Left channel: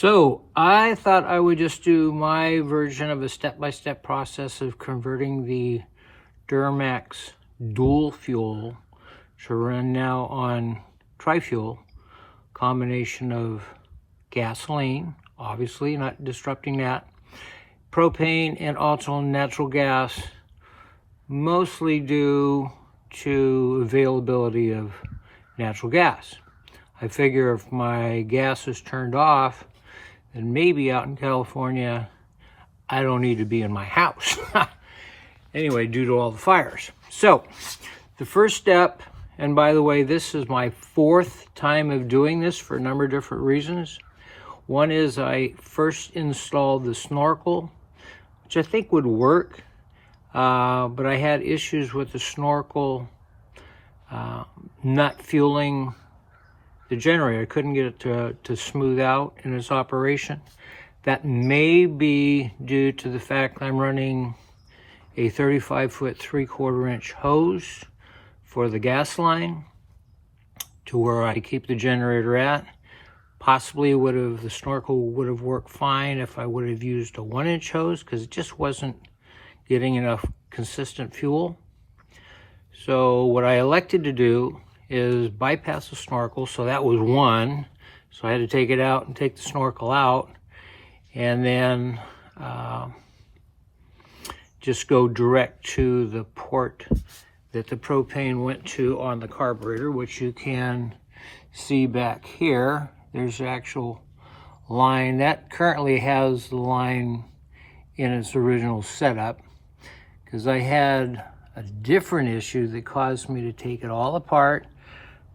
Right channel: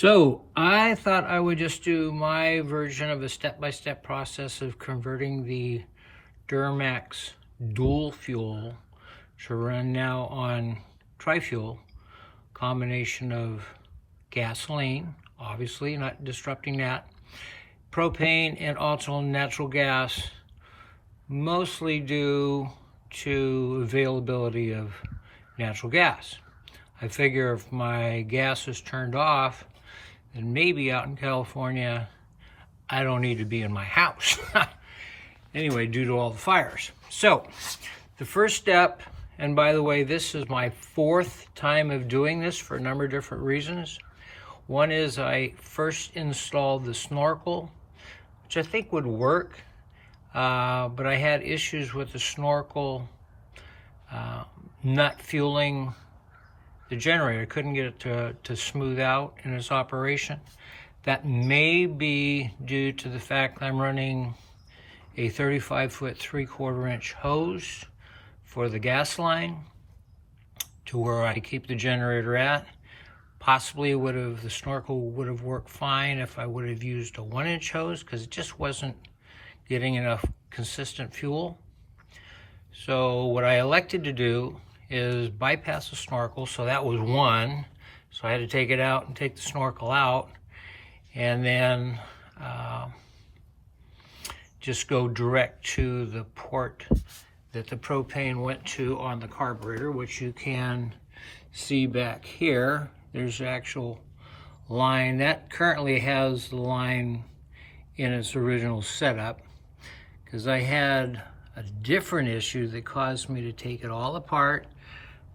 So I thought I would just do my version of a step-by-step process of converting the DuroMax dual fuel to run now on tri-fuel, combination of gasoline, obviously not disrupting that, propane, and also natural gas, mostly due to availability of natural gas. I figure if my gas is turned off, then maybe out in California, I don't need to be in my house. Anyway, due to all the fires. So, the first step, and by the way, this is my 4th time of doing this for a number of different reasons. One is I first installed the snorkel, which I think would work, but I had issues with the snorkel not fueling the generator. I couldn't get it to smooth out in its operation. That may be due to the fact I'm running a 35-foot 3/4-inch hose for the gas line to where I keep the generator at. Possibly the snorkel would have worked fine if I would have used a 1-inch hose, because it just wasn't getting enough consistent fuel. So what I elected to do is bypass the snorkel. So that was one. So I had to take it out and take the snorkel out, and then just go direct to the port that the propane went to on the carburetor, which you can see back here. There's the actual line. That currently has the line in its original setup, because I had a different issue that caused me to take it all apart,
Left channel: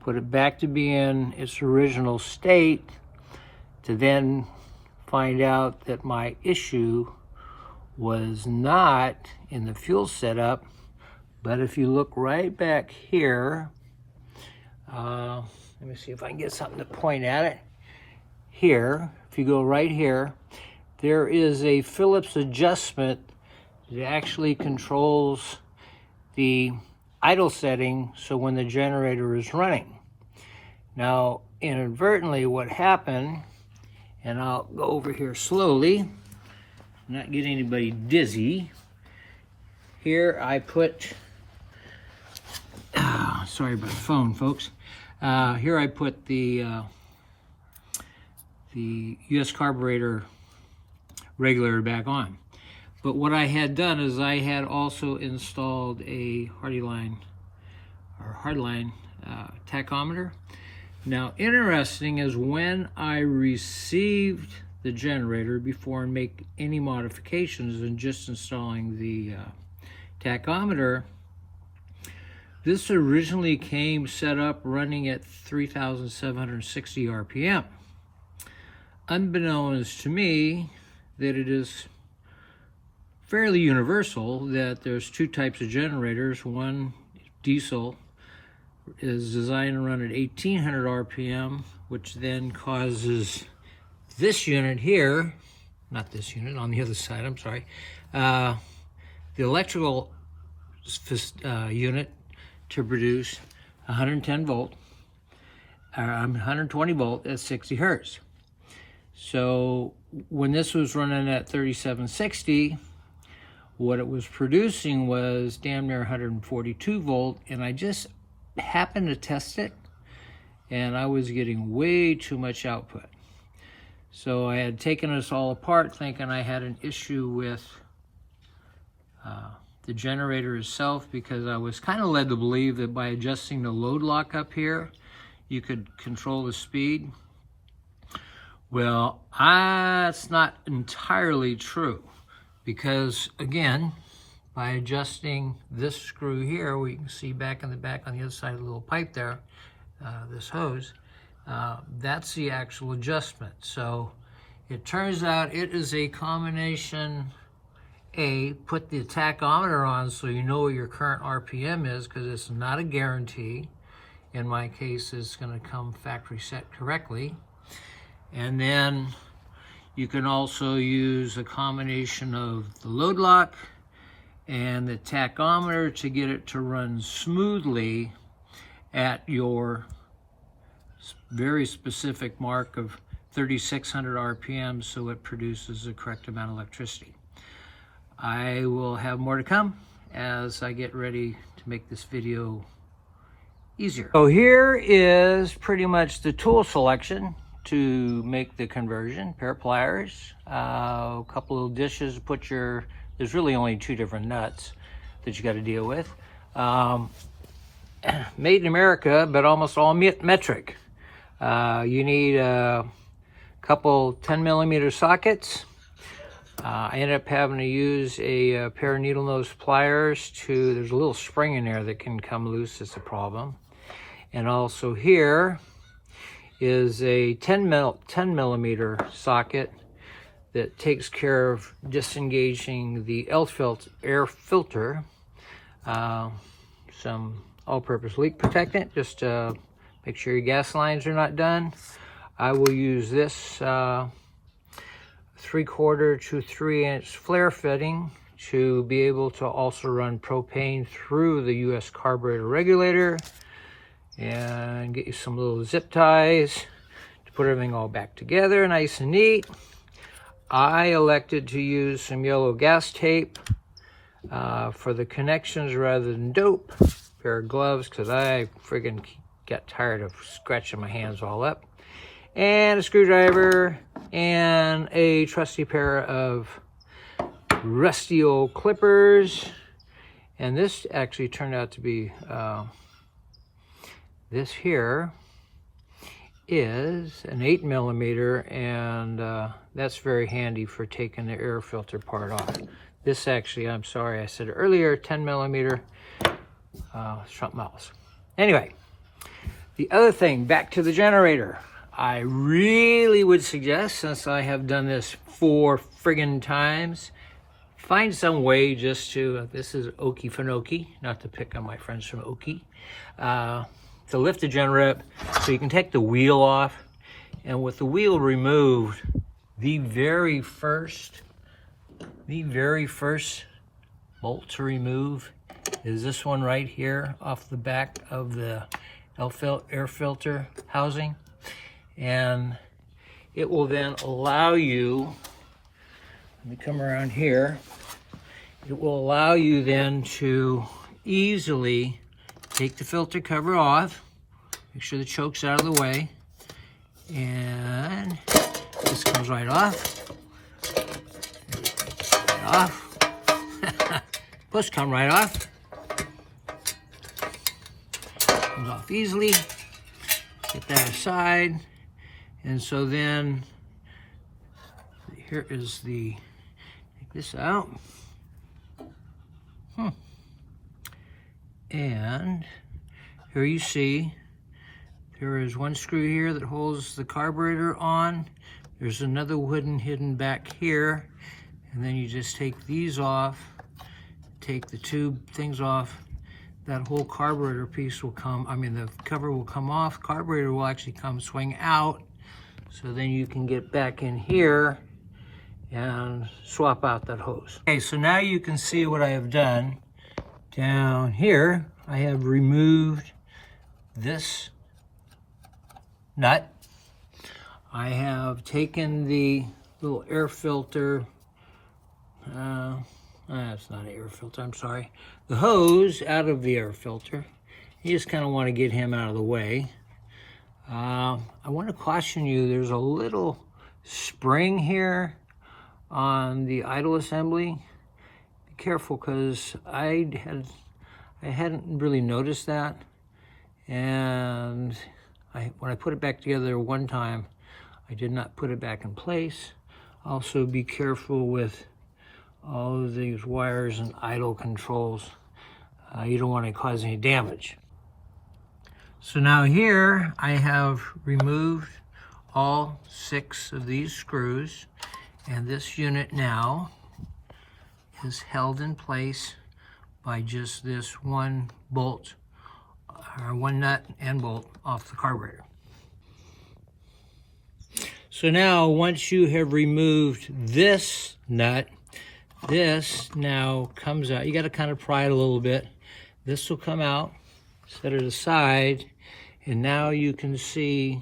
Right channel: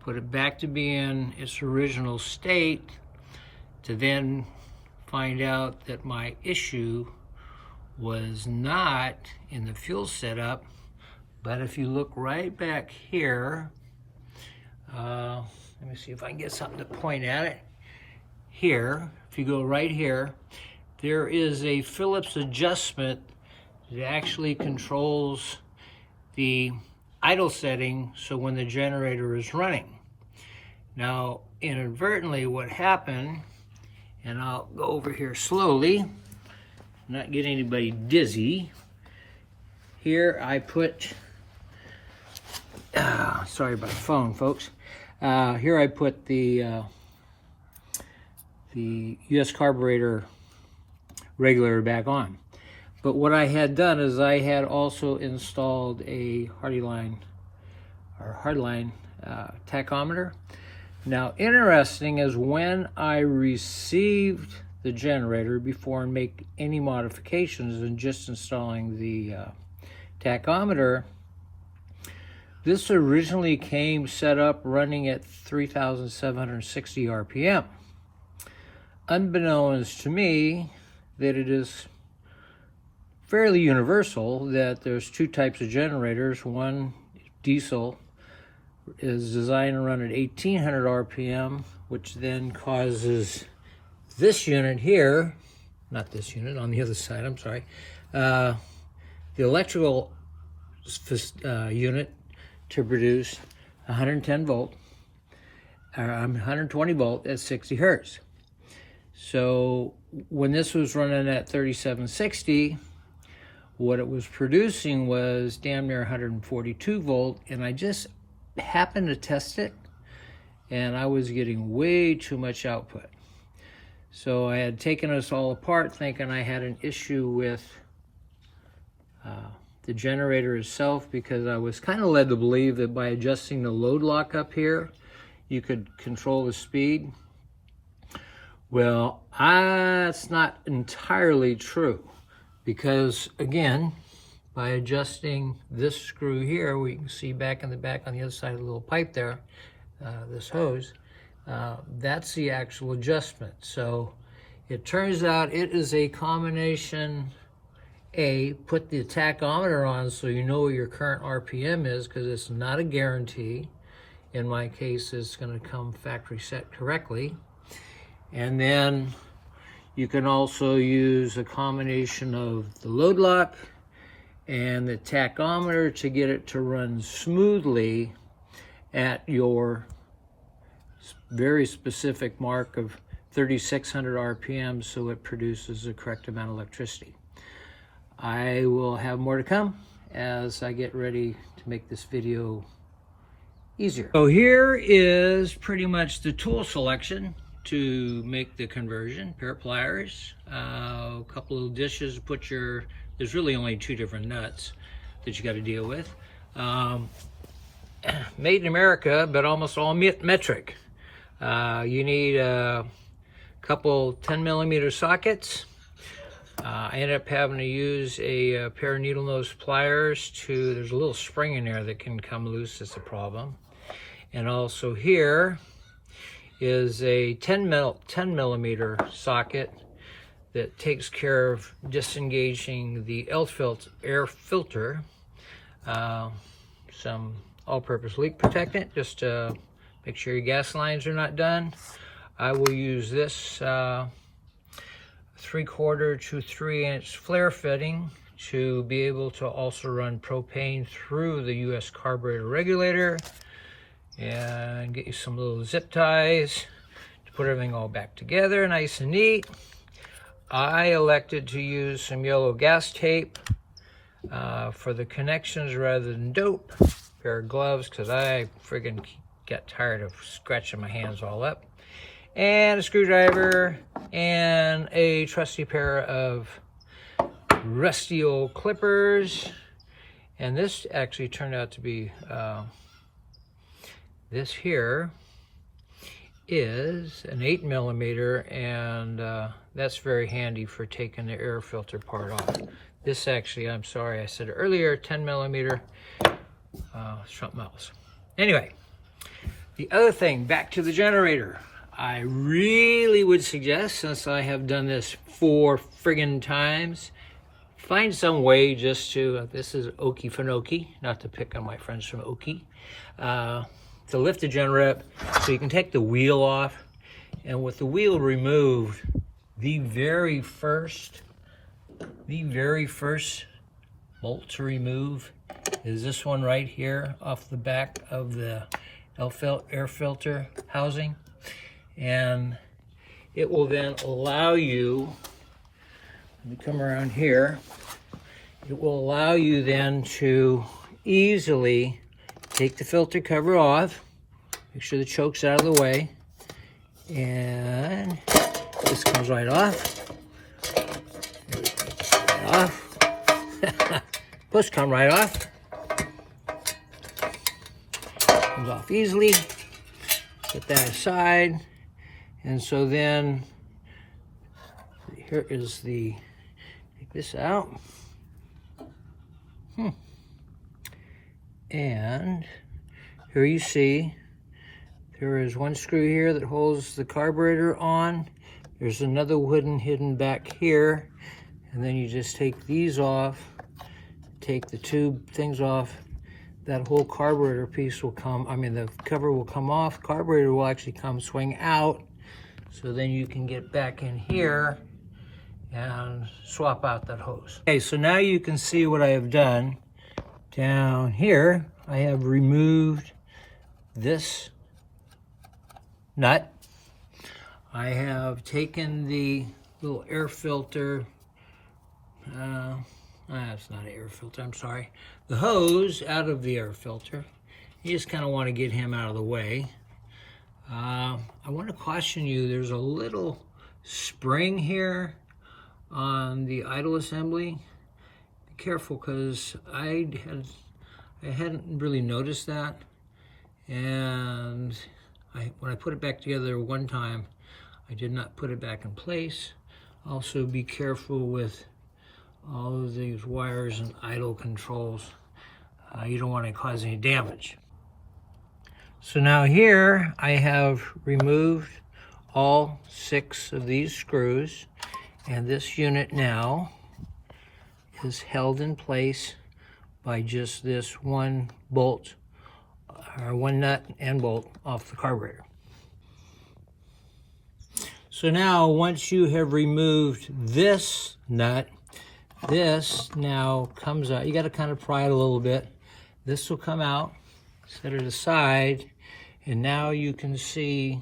put it back to being its original state, to then find out that my issue was not in the fuel setup, but if you look right back here, let me see if I can get something to point at it. Here, if you go right here, there is a Phillips adjustment that actually controls the idle setting, so when the generator is running. Now, inadvertently, what happened, and I'll go over here slowly, not get anybody dizzy. Here I put, sorry about the phone, folks. Here I put the US carburetor regulator back on. But what I had done is I had also installed a hardline tachometer. Now, interesting is when I received the generator, before I make any modifications and just installing the tachometer, this originally came set up running at 3,760 RPM. Unbeknownst to me, that it is fairly universal that there's 2 types of generators. One, diesel, is designed to run at 1,800 RPM, which then causes this unit here, not this unit, on the other side, I'm sorry, the electrical unit to produce 110 volt, 120 volt at 60 hertz. So when this was running at 3760, what it was producing was damn near 142 volt, and I just happened to test it, and I was getting way too much output. So I had taken this all apart thinking I had an issue with the generator itself, because I was kind of led to believe that by adjusting the load lock up here, you could control the speed. Well, that's not entirely true, because again, by adjusting this screw here, we can see back in the back on the other side of the little pipe there, this hose, that's the actual adjustment. So it turns out it is a combination. Put the tachometer on so you know what your current RPM is, because it's not a guarantee. In my case, it's going to come factory set correctly. And then you can also use a combination of the load lock and the tachometer to get it to run smoothly at your very specific mark of 3,600 RPM, so it produces the correct amount of electricity. I will have more to come as I get ready to make this video easier. So here is pretty much the tool selection to make the conversion. Pair of pliers, a couple of dishes to put your, there's really only 2 different nuts that you got to deal with. Made in America, but almost all metric. You need a couple 10mm sockets. I ended up having to use a pair of needle nose pliers to, there's a little spring in there that can come loose, that's a problem. And also here is a 10mm socket that takes care of disengaging the air filter. Some all-purpose leak protectant, just to make sure your gas lines are not done. I will use this 3/4 to 3-inch flare fitting to be able to also run propane through the US carburetor regulator, and get you some little zip ties to put everything all back together nice and neat. I elected to use some yellow gas tape for the connections rather than dope. Pair of gloves, because I friggin' got tired of scratching my hands all up. And a screwdriver, and a trusty pair of rusty old clippers. And this actually turned out to be, this here is an 8mm, and that's very handy for taking the air filter part off. This actually, I'm sorry, I said earlier, 10mm, something else. Anyway, the other thing, back to the generator. I really would suggest, since I have done this 4 friggin' times, find some way just to, this is Okefenokee, not to pick on my friends from Okie, to lift the generator up so you can take the wheel off. And with the wheel removed, the very first bolt to remove is this one right here off the back of the air filter housing. And it will then allow you, let me come around here, it will allow you then to easily take the filter cover off, make sure the choke's out of the way, and this comes right off. This come right off. Comes off easily. Get that aside. And so then, here is the, take this out. And here you see, there is one screw here that holds the carburetor on. There's another wooden hidden back here. And then you just take these off, take the tube things off. That whole carburetor piece will come, the cover will come off. Carburetor will actually come swing out. So then you can get back in here and swap out that hose. Okay, so now you can see what I have done. Down here, I have removed this nut. I have taken the little air filter, that's not an air filter, I'm sorry. The hose out of the air filter. You just kind of want to get him out of the way. I want to caution you, there's a little spring here on the idle assembly. Be careful, because I hadn't really noticed that, and when I put it back together one time, I did not put it back in place. Also be careful with all of these wires and idle controls. You don't want to cause any damage. So now here I have removed all 6 of these screws, and this unit now is held in place by just this one bolt, or one nut and bolt off the carburetor. So now once you have removed this nut, this now comes out. You got to kind of pry it a little bit. This will come out, set it aside, and now you can see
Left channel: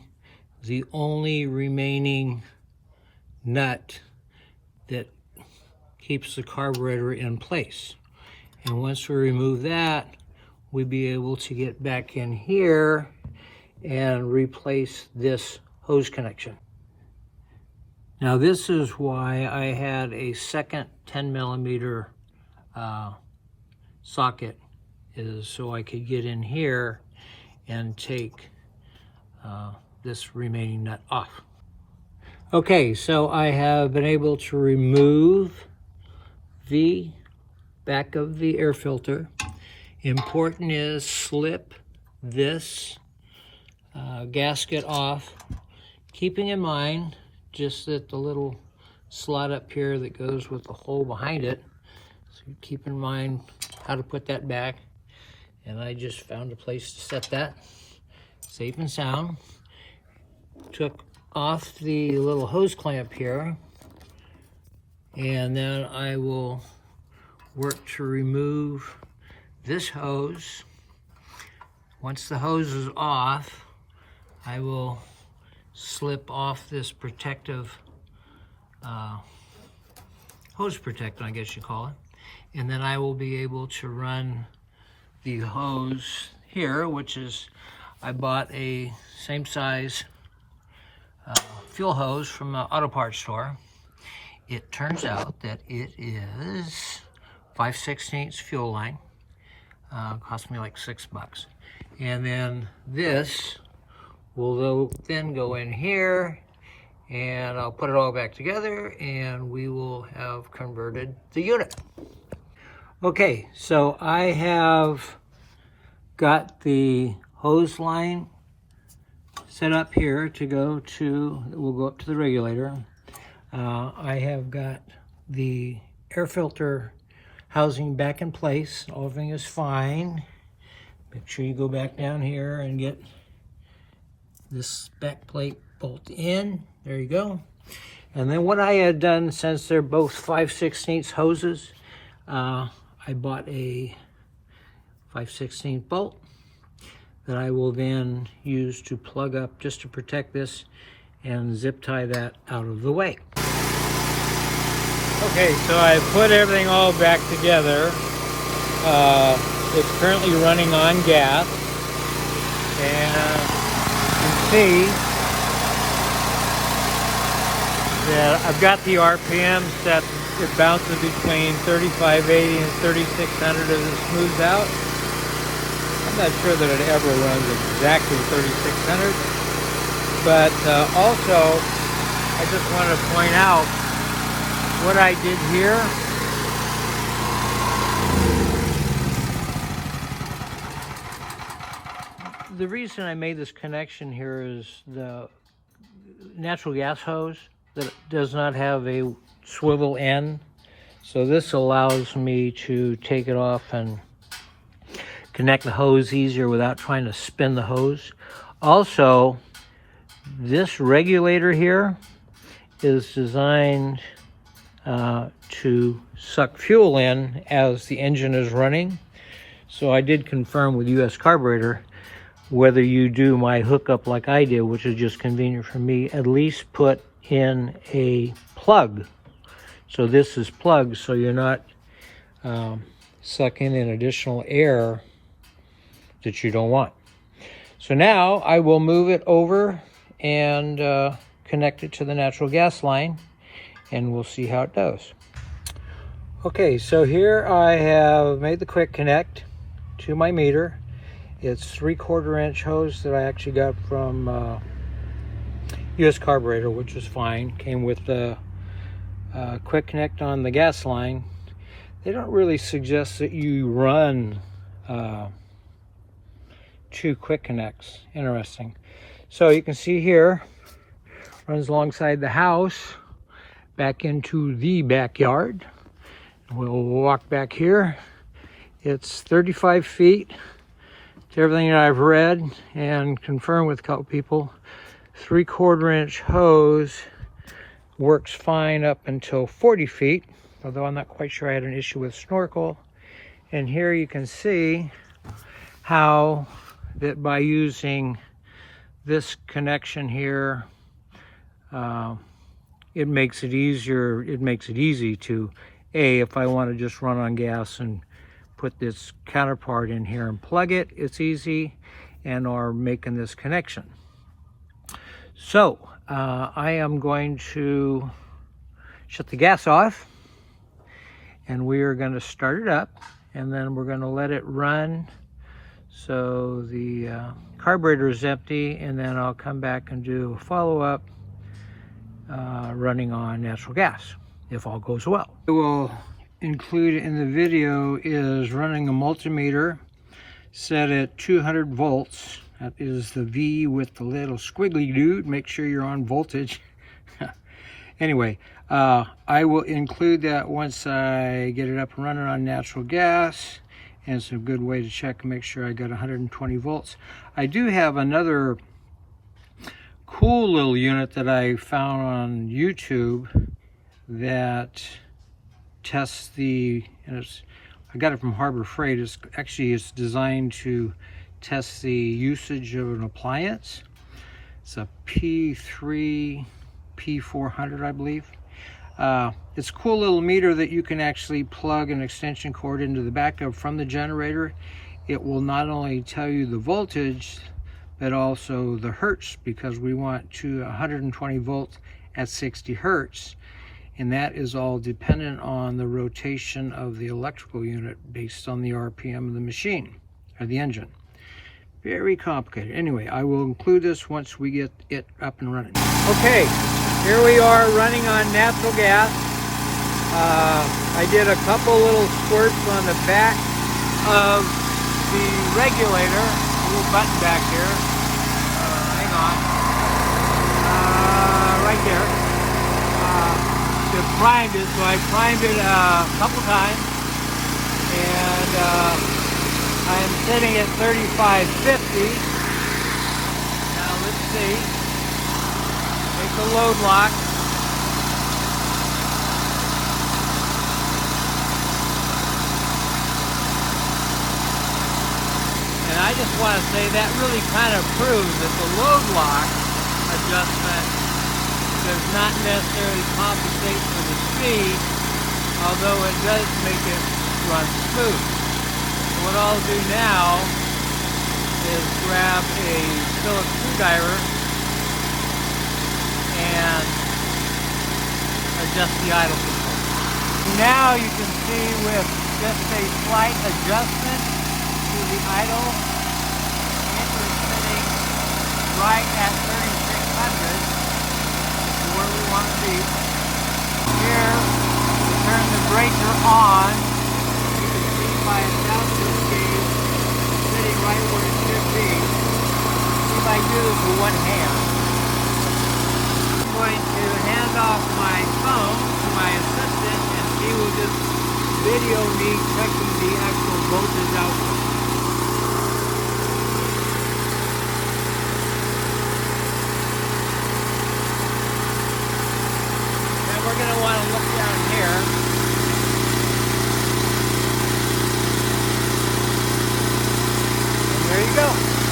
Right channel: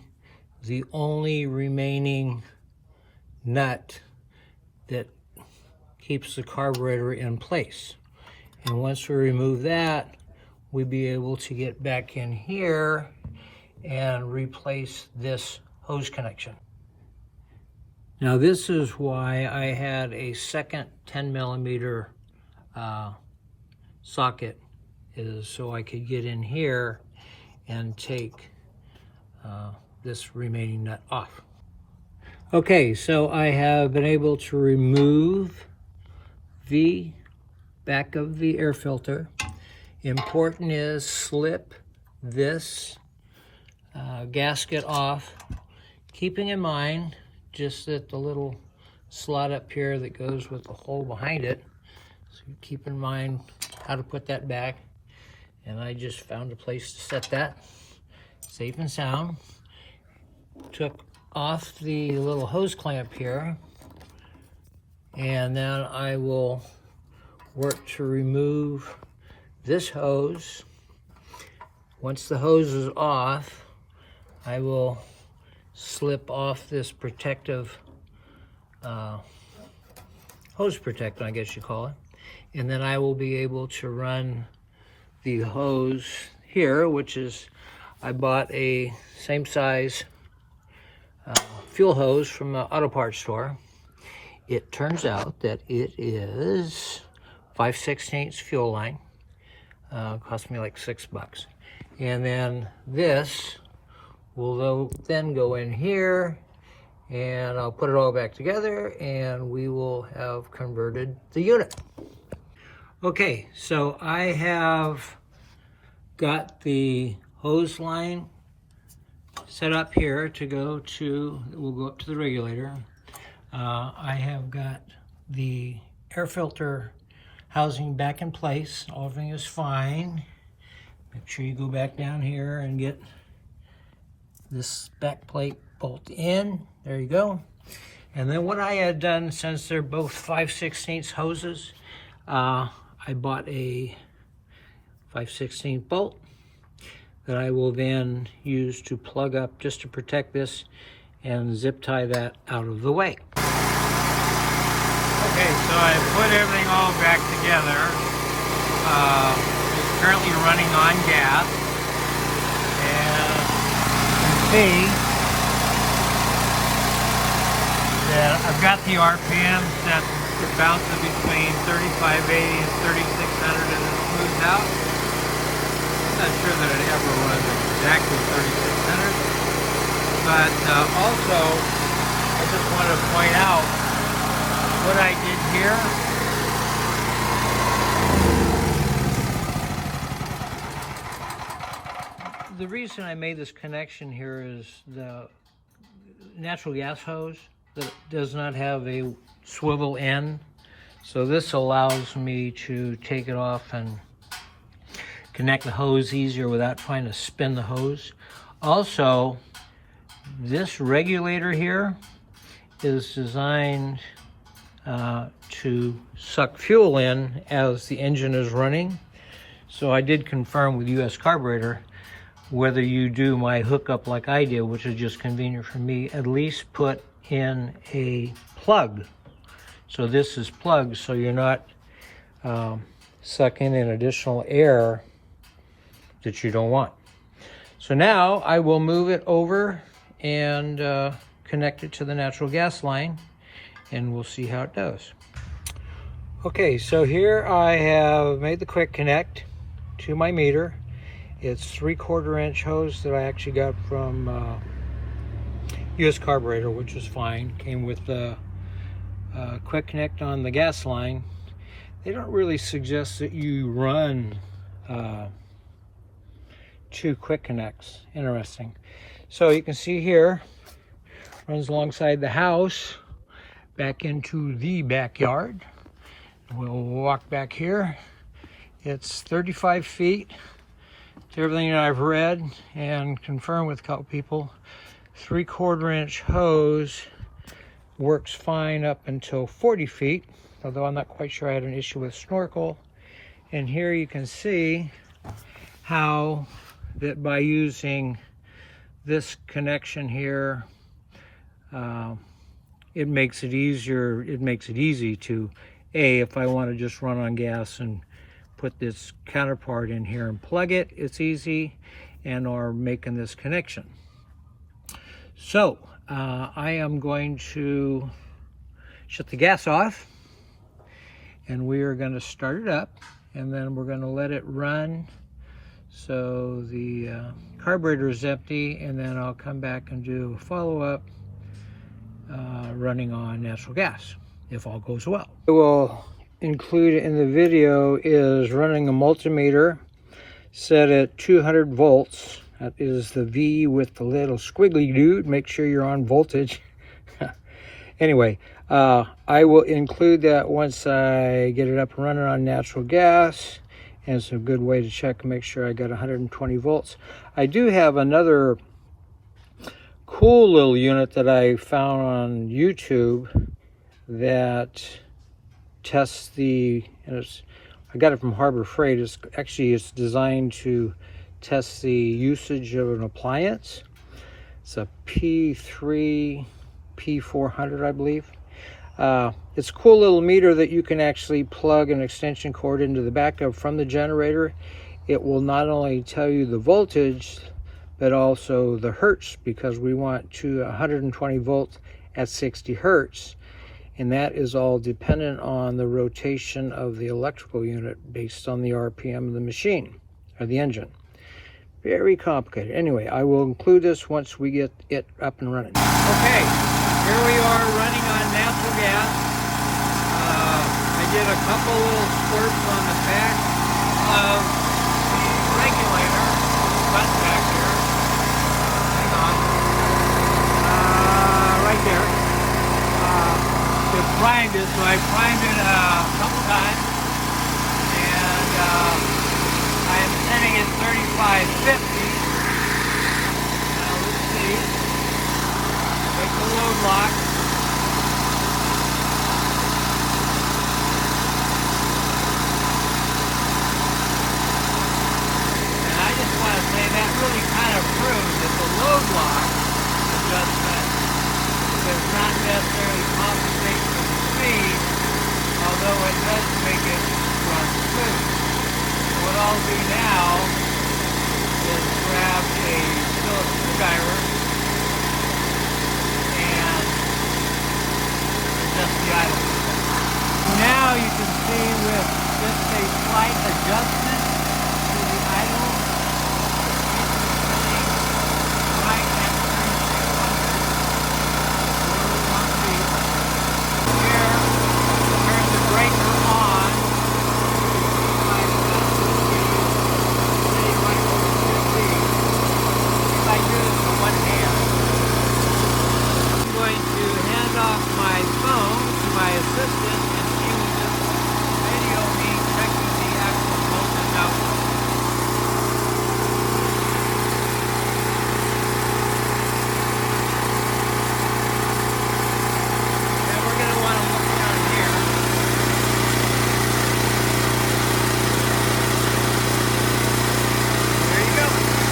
the only remaining nut that keeps the carburetor in place. And once we remove that, we'll be able to get back in here and replace this hose connection. Now this is why I had a second 10mm socket, is so I could get in here and take this remaining nut off. Okay, so I have been able to remove the back of the air filter. Important is slip this gasket off, keeping in mind just that the little slot up here that goes with the hole behind it. So keep in mind how to put that back. And I just found a place to set that safe and sound. Took off the little hose clamp here, and then I will work to remove this hose. Once the hose is off, I will slip off this protective hose protector, I guess you call it, and then I will be able to run the hose here, which is, I bought a same size fuel hose from the auto parts store. It turns out that it is 5/16 fuel line. Cost me like $6. And then this will then go in here, and I'll put it all back together, and we will have converted the unit. Okay, so I have got the hose line set up here to go to, we'll go up to the regulator. I have got the air filter housing back in place. Everything is fine. Make sure you go back down here and get this back plate bolt in. There you go. And then what I had done, since they're both 5/16 hoses, I bought a 5/16 bolt that I will then use to plug up just to protect this and zip tie that out of the way. Okay, so I put everything all back together. It's currently running on gas, and you can see I've got the RPM set. It bounces between 3580 and 3600 and it smooths out. I'm not sure that it ever runs exactly 3600, but also I just want to point out what I did here. The reason I made this connection here is the natural gas hose that does not have a swivel end, so this allows me to take it off and connect the hose easier without trying to spin the hose. Also, this regulator here is designed to suck fuel in as the engine is running. So I did confirm with US Carburetor, whether you do my hookup like I did, which is just convenient for me, at least put in a plug. So this is plugged, so you're not sucking in additional air that you don't want. So now I will move it over and connect it to the natural gas line, and we'll see how it does. Okay, so here I have made the quick connect to my meter. It's 3/4 inch hose that I actually got from US Carburetor, which is fine. Came with the quick connect on the gas line. They don't really suggest that you run 2 quick connects. Interesting. So you can see here, runs alongside the house, back into the backyard. We'll walk back here. It's 35 feet. To everything that I've read and confirmed with a couple people, 3/4 inch hose works fine up until 40 feet, although I'm not quite sure I had an issue with snorkel. And here you can see how that by using this connection here, it makes it easier. It makes it easy to, if I want to just run on gas and put this counterpart in here and plug it, it's easy, and or making this connection. So I am going to shut the gas off, and we are going to start it up, and then we're going to let it run so the carburetor is empty, and then I'll come back and do a follow-up running on natural gas, if all goes well. I will include in the video is running a multimeter set at 200 volts. That is the V with the little squiggly dude. Make sure you're on voltage. Anyway, I will include that once I get it up and running on natural gas. And it's a good way to check and make sure I got 120 volts. I do have another cool little unit that I found on YouTube that tests the, and I got it from Harbor Freight. It's designed to test the usage of an appliance. It's a P400, I believe. It's a cool little meter that you can actually plug an extension cord into the back of from the generator. It will not only tell you the voltage, but also the hertz, because we want to 120 volts at 60 hertz. And that is all dependent on the rotation of the electrical unit based on the RPM of the machine, or the engine. Very complicated. Anyway, I will include this once we get it up and running. Okay, here we are running on natural gas. I did a couple little squirts on the back of the regulator, a little button back here. Hang on. Right there. It primed it, so I primed it a couple times. And I'm sitting at 3550. Now let's see. Take the load lock. And I just want to say that really kind of proves that the load lock adjustment does not necessarily compensate for the speed, although it does make it run smooth. What I'll do now is grab a Phillips screwdriver and adjust the idle. So now you can see with just a slight adjustment to the idle,